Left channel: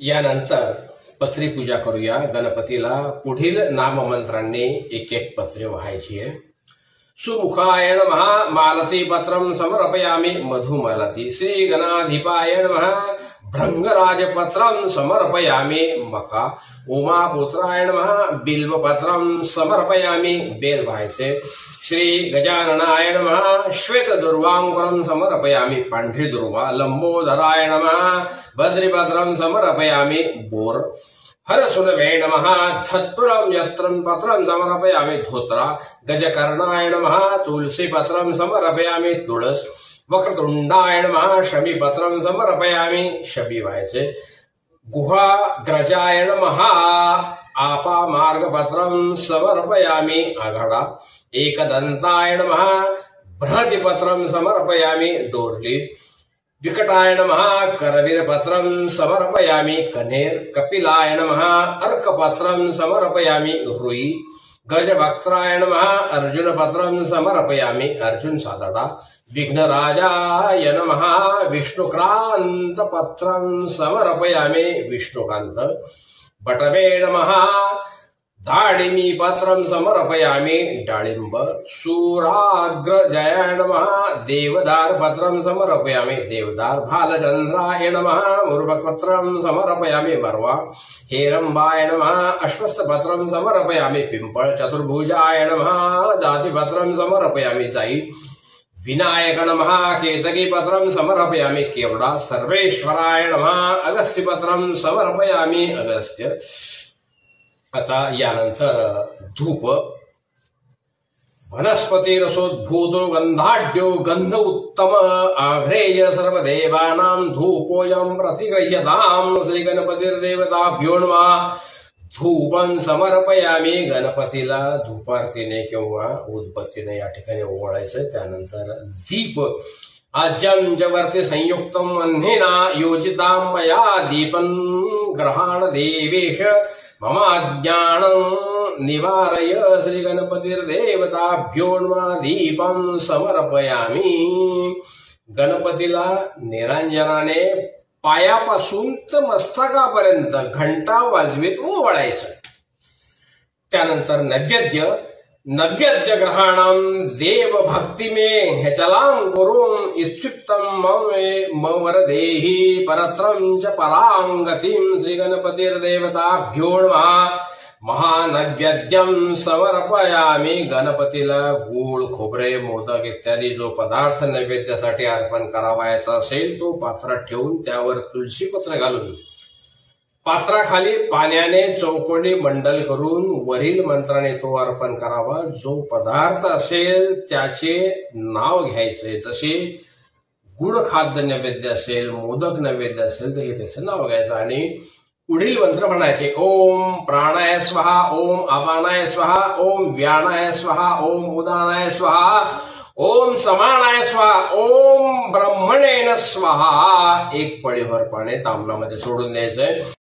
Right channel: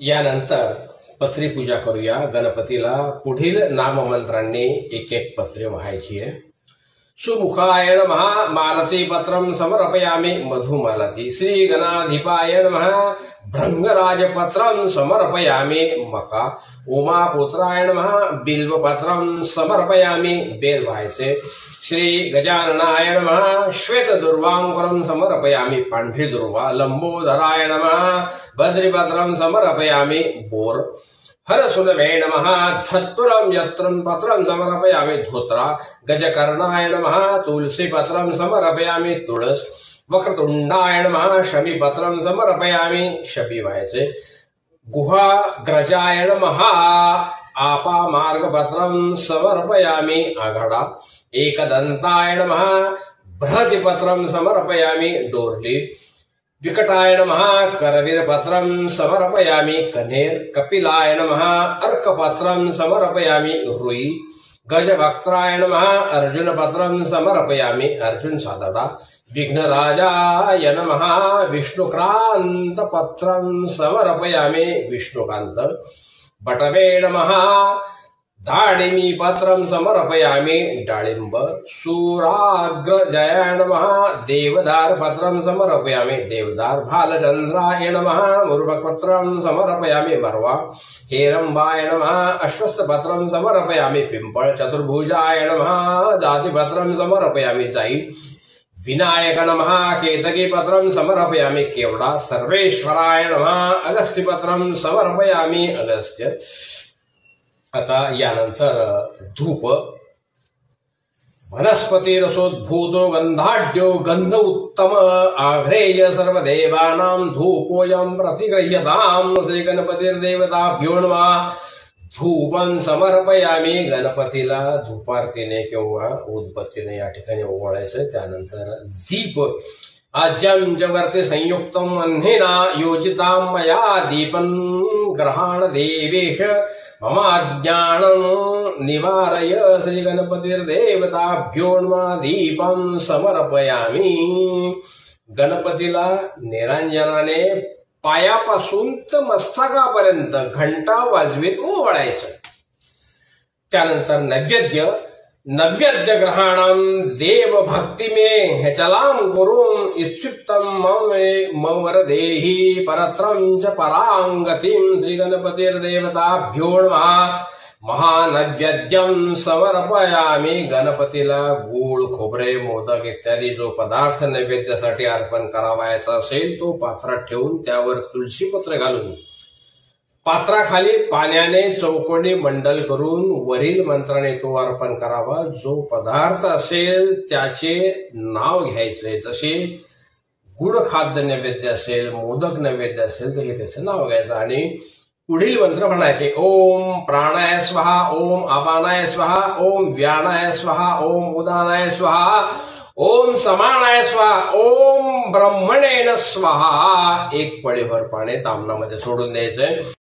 यानंतर पत्री पूजा करूया गणपतीला। पुढील नाममंत्रांनी एक एक पत्रे व्हायची आहे। सुमुखाय नमः मालती पत्रं समर्पयामि मधुमालती। श्री गणाधिपाय नमः भृंगराजपत्रं समर्पयामि मखा। उमापुत्राय नमः बिल्वपत्रं समर्पयामि बेल व्हायचे। श्री गजाननाय नमः श्वेत दुर्वांकुरं समर्पयामि पांढरी दुर्वा। लंबोदराय नमः बद्रीपत्रं समर्पयामि बोर। हरसुनवे नमः धत्तुरं यत्रं पत्रं समर्पयामि धोत्रा। गजकर्णाय नमः तुलसी पत्रं समर्पयामि तुळस। वक्रतुंडाय नमः शमीपत्रं समर्पयामि शबी व्हायचे। गुहाग्रजाय नमः आपामार्गपत्रं समर्पयामि आघाडा। एकदंताय नमः बृहतिपत्रं समर्पयामि डोरली। विकटाय नमः करवीरपत्रं समर्पयामि कन्हेर। कपिलाय नमः अर्कपत्रं समर्पयामि रुई। गजवक्त्राय नमः अर्जुनपत्रं समर्पयामि अर्जुन सादडा। विघ्नराजाय नमः विष्णुक्रांतपत्रं समर्पयामि विष्णुकांत। बटवे नमः दाडिमी पत्रं समर्पयामि डाळिंब। सूराग्रजयाय नमः देवदार पत्रं समर्पयामि देवदार। भालचंद्राय नमः मुर्बकपत्रं समर्पयामि मरवा। हेरंबाय नमः अश्वत्थपत्रं समर्पयामि पिंपळ। चतुर्भुजाय नमः जातिपत्रं समर्पयामि जाई। विनायक नमः केतकीपत्रं समर्पयामि केवडा। सर्वेश्वराय नमः अगस्त्यपत्रं समर्पयामि अगस्त्य। आता यानंतर धूप। वनस्पती रसोद्भूतो गंधाढ्यो गंध उत्तम आघ्रेय सर्वदेवानां धूपोऽयं प्रतिगृह्यताम्। श्री गणपतिर्देवताभ्यो नमः। धूपं समर्पयामि गणपतीला धूपारतीने किंवा उदबत्तीने या ठिकाणी ओवाळायचं। त्यानंतर दीप। आज्यं च वर्ति संयुक्तम् अह्नेना योजितां मया दीपं ग्रहाण देवेश मम अज्ञानं निवारय। श्री गणपतिर्देवताभ्यो नमः। दीपं समर्पयामि। गणपतीला निरांजनाने पायापासून तर मस्तकापर्यंत घंटा वाजवीत ओवाळायचं। त्यानंतर नैवेद्य। नैवेद्य ग्रहाणां देव भक्ति में हेचलां कुरुं इत्युक्तं मम वरदेहि परत्रं च परांगतिं। श्री गणपतिर्देवताभ्यो नमः। महानैवेद्यं समर्पयामि। गणपतीला गूळ खोबरे मोदक इत्यादी जो पदार्थ नैवेद्यासाठी अर्पण करावायचा असेल तो पात्रात ठेवून त्यावर तुळशीपत्र घालून पात्राखाली पाण्याने चौकोनी मंडल करून वरील मंत्राने तो अर्पण करावा। जो पदार्थ असेल त्याचे नाव घ्यायचे। जसे गुड खाद्य नैवेद्य असेल मोदक नैवेद्य असेल तर हे त्याचे नाव घ्यायचं आणि पुढील मंत्र म्हणायचे। ओम प्राणाय स्वाहा। ओम अपानाय स्वाहा। ओम व्यानाय स्वाहा। ओम उदानाय स्वाहा। ओम समानाय स्वाहा। ओम ब्रह्मणेन स्वाहा। एक पळीभर पाणी तांबणामध्ये सोडून द्यायचंय।